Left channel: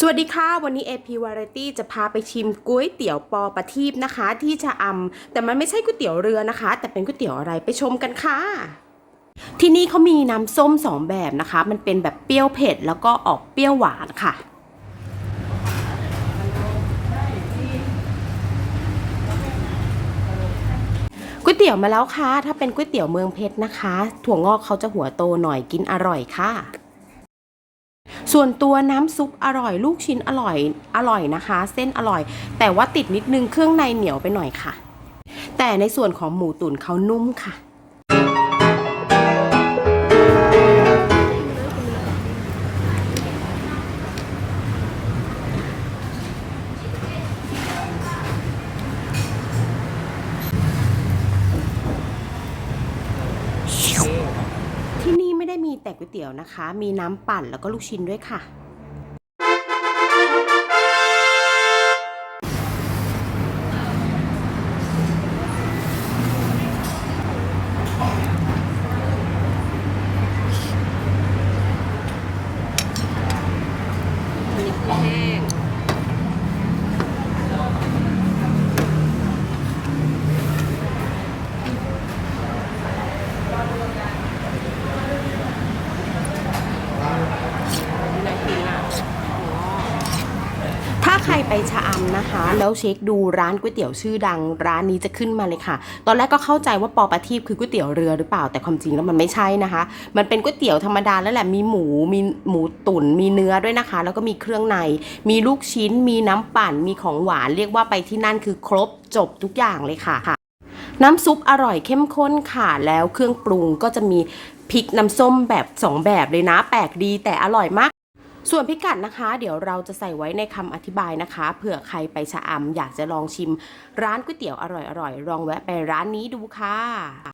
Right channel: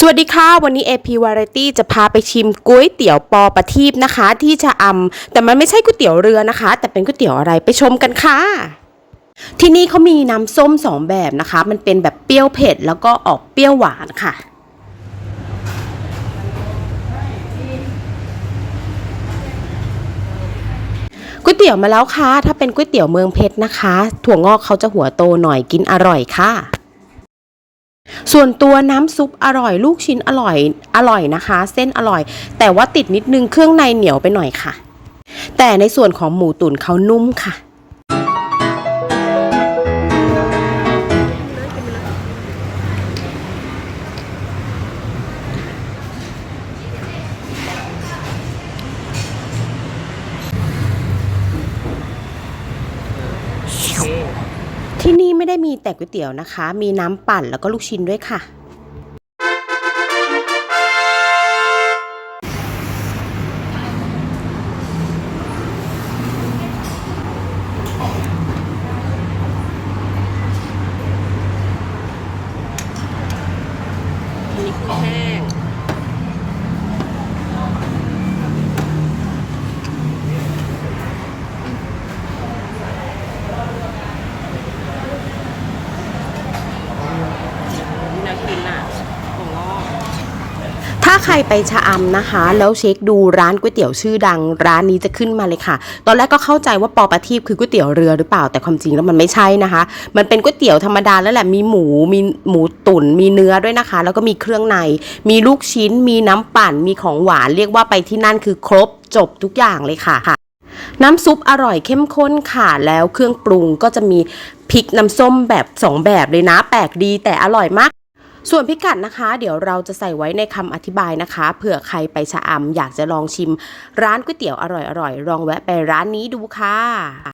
สวัสดีค่ะ วันนี้ AP Variety จะพาไปชิมก๋วยเตี๋ยวปอประทีปนะคะ ที่ชะอำแต่มันไม่ใช่ก๋วยเตี๋ยวเรือนะคะ แต่เป็นก๋วยเตี๋ยวอะไรไปชมกันค่ะ ที่นี่เขามีน้ำส้มสองแบบนะคะ มันเป็นแบบเปรี้ยวเผ็ดแล้วก็ออกเปรี้ยวหวานค่ะ ก๋วยเตี๋ยวมาแล้วค่ะ ถ้าเป็นก๋วยเตี๋ยวเมืองเพชรนะคะ ถั่วงอกเขาจะหัวโตหน่อยกินอร่อยค่ะ ส่วนตัวน้ำซุปอร่อยลูกชิ้นอร่อยอร่อยนะคะ เส้นอร่อย แต่ว่าติดนิดนึงเครื่องในเหนียวไปหน่อยค่ะ แต่ในส่วนของหมูตุ๋นเขานุ่มค่ะ ไม่ได้มีแต่ก๋วยเตี๋ยวนะคะ มีน้ำปั่นแล้วก็ลูกชิ้นด้วยค่ะมีกุ้งแห้ง นี่น่ากินอะโอ้ ถ้า ใครไปชะอำนะคะ แล้วเช็คดูร้านก๋วยเตี๋ยวชื่อดัง ร้านนี้จะขึ้นมาเลยค่ะ ตอนแรกก็เข้าใจว่าปอประทีปคือก๋วยเตี๋ยวเรือหรือเปล่าแต่ความจริงแล้วมันไม่ใช่นะคะ มันเป็นก๋วยเตี๋ยวธรรมดาแล้วแหละมีหมูมีหมูตุ๋นมีเนื้อด้วยนะคะ แล้วก็มีเครื่องใน มีลูกชิ้น มีน้ำปั่นมีของหวานเรียกว่าไปที่นั่นคือครบจบทุกอย่างเลยค่ะน้ำซุปอร่อยเข้มข้นค่ะ แล้วเครื่องปรุงก็จะมีพริกน้ำส้มแบบสองแบบเลยนะ แปลกดีแต่อร่อยมาก ส่วนพิกัดนะคะ เดี๋ยวเราจะใส่ไว้ในคำอธิบายนะคะเผื่อใครไปชะอำอยากจะลองชิม ร้านก๋วยเตี๋ยวอร่อยๆลองแวะไปร้านนี้ดูค่ะ